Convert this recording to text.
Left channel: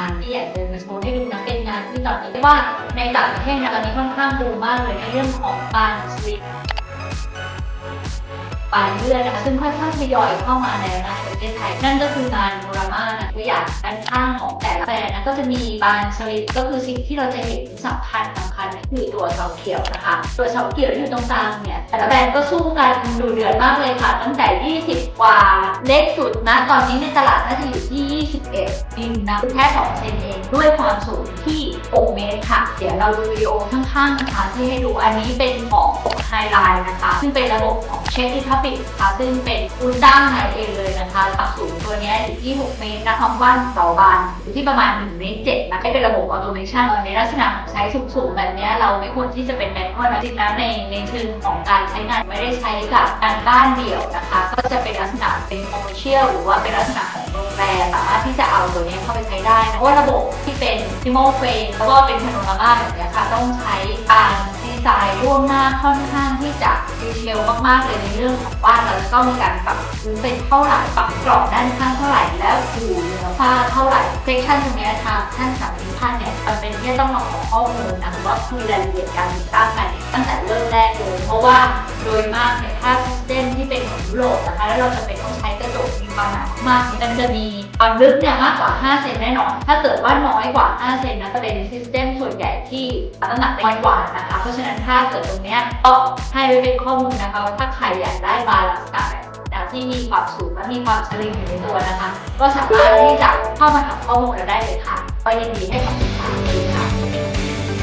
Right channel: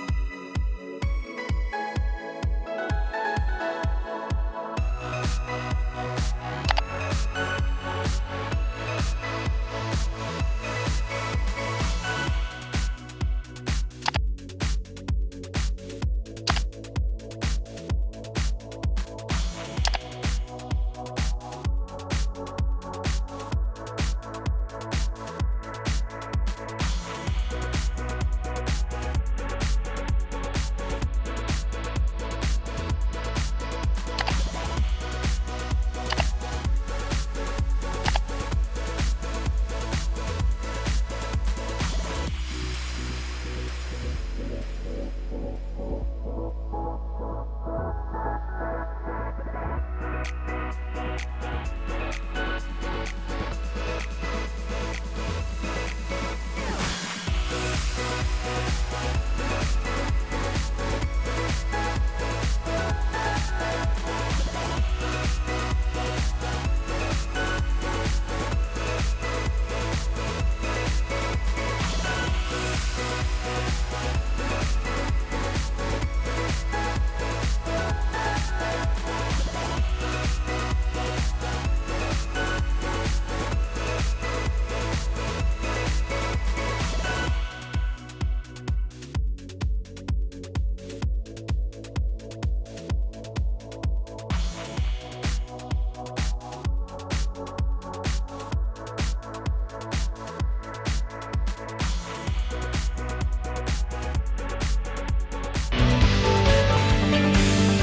าที่อยากจะมาโชว์ให้ดูนะเป็นงานที่ตอนนี้เรียกว่าในต่างประเทศนะตอนนี้ค่อนข้างบูมมากเลยในเรื่องของปานสลิปปานเลื่อนนะคะซึ่งค่อยๆทยอยเข้ามาในประเทศไทยนั่นก็คืองานโนรามานะตัวอย่างด้านข้างของแต่ละแบรนด์นะก็จะมีปานสลิปก็คือสิ่งที่เราจะเห็นสำคัญสำคัญก็คือตัวเสาเขียวนะคะ ตัวเสาเขียวอยู่ตรงกลางเนี่ยแต่ละแบรนด์ก็สู้กันดูเดือดมากเลยค่ะ ตั้งแต่ 20 กว่าเล็กสุดนะตอนนี้ในตลาดน่าจะอยู่ที่21 จริงนะแค่2เซนเองด้วยความสูงที่ 6 เมตรค่ะ เดี๋ยวเราดูวิดีโอข้างๆนะคะที่ให้ดูอันนี้เป็นของไฮไลน์นะคะ ซึ่งเป็นระบบของเชฟที่พับปินะคะซึ่งเป็นรุ่นด้านไหนเองเลยนะคะความสูงตัวนี้อยู่ที่ 6 เมตรนะความกว้างต่อบานอยู่ที่ประมาณ1เมตร7นะเป็นระบบออโตเมชันในลักษณะของไซส์สูงๆแบบนี้เราไม่ควรที่จะเป็นแมนนวลนะจริงๆแล้วในในเชิงของการใช้งานไม่ได้ใช้กับการบ้านเดี่ยวนะคะ ก็จะเป็นลักษณะเป็นคอมเมอร์เชียลหรือว่าเป็นลักษณะ สามารถที่จะเอาตัวนี้เข้าไปใช้ได้นะเพราะว่าระบบที่เป็นซิโมเฟนแล้วก็เป็นพาโนรามาแบบเนี้ยค่ะต้องใช้การดีไซน์ล่วงหน้าค่อนข้างที่จะดีเทลมากๆเลยในเรื่องของบ้านแล้วก็มีการปรับพื้นเป็นเท่าไหร่ปรับกรอบด้านข้างเท่าไหร่แล้วอยู่เหนือฝ้าเท่าไหร่เซกชันตรงเนี้ยทางท่านสามท่านเนี่ยมันเป็นที่ต้องมาขอข้อมูลนะคะก็คือรายละเอียดการติดตั้งใหม่ตั้งแต่เริ่มแรกเลยเพราะว่าโดยมากเนี่ยถ้าเส้นที่เป็นของยุโรปนะคะแล้วเราจะเป็นต้องใช้กระจกมีความหนามากมันจะมี ความลึกเนี่ยมากกว่า 5 เซนแน่นอน ถ้าเกิดว่าน้อยกว่า 5 เซนนะจะเป็นซิสเต็มส่วนใหญ่ที่น้ำหนักน้อยกว่านะคะ เพราะฉะนั้นถ้าเกิดตรงเนี้ยก็ให้ไว้เป็นข้อมูลนะคะว่าถ้าใครอยากได้บาร์ลักษณะแบบนะที่มีความสูงและมีความสลิมอยู่ในตัวนะคะ ก็สามารถที่จะเข้ามาถามข้อมูลเราได้เลยค่ะก็ยินดีให้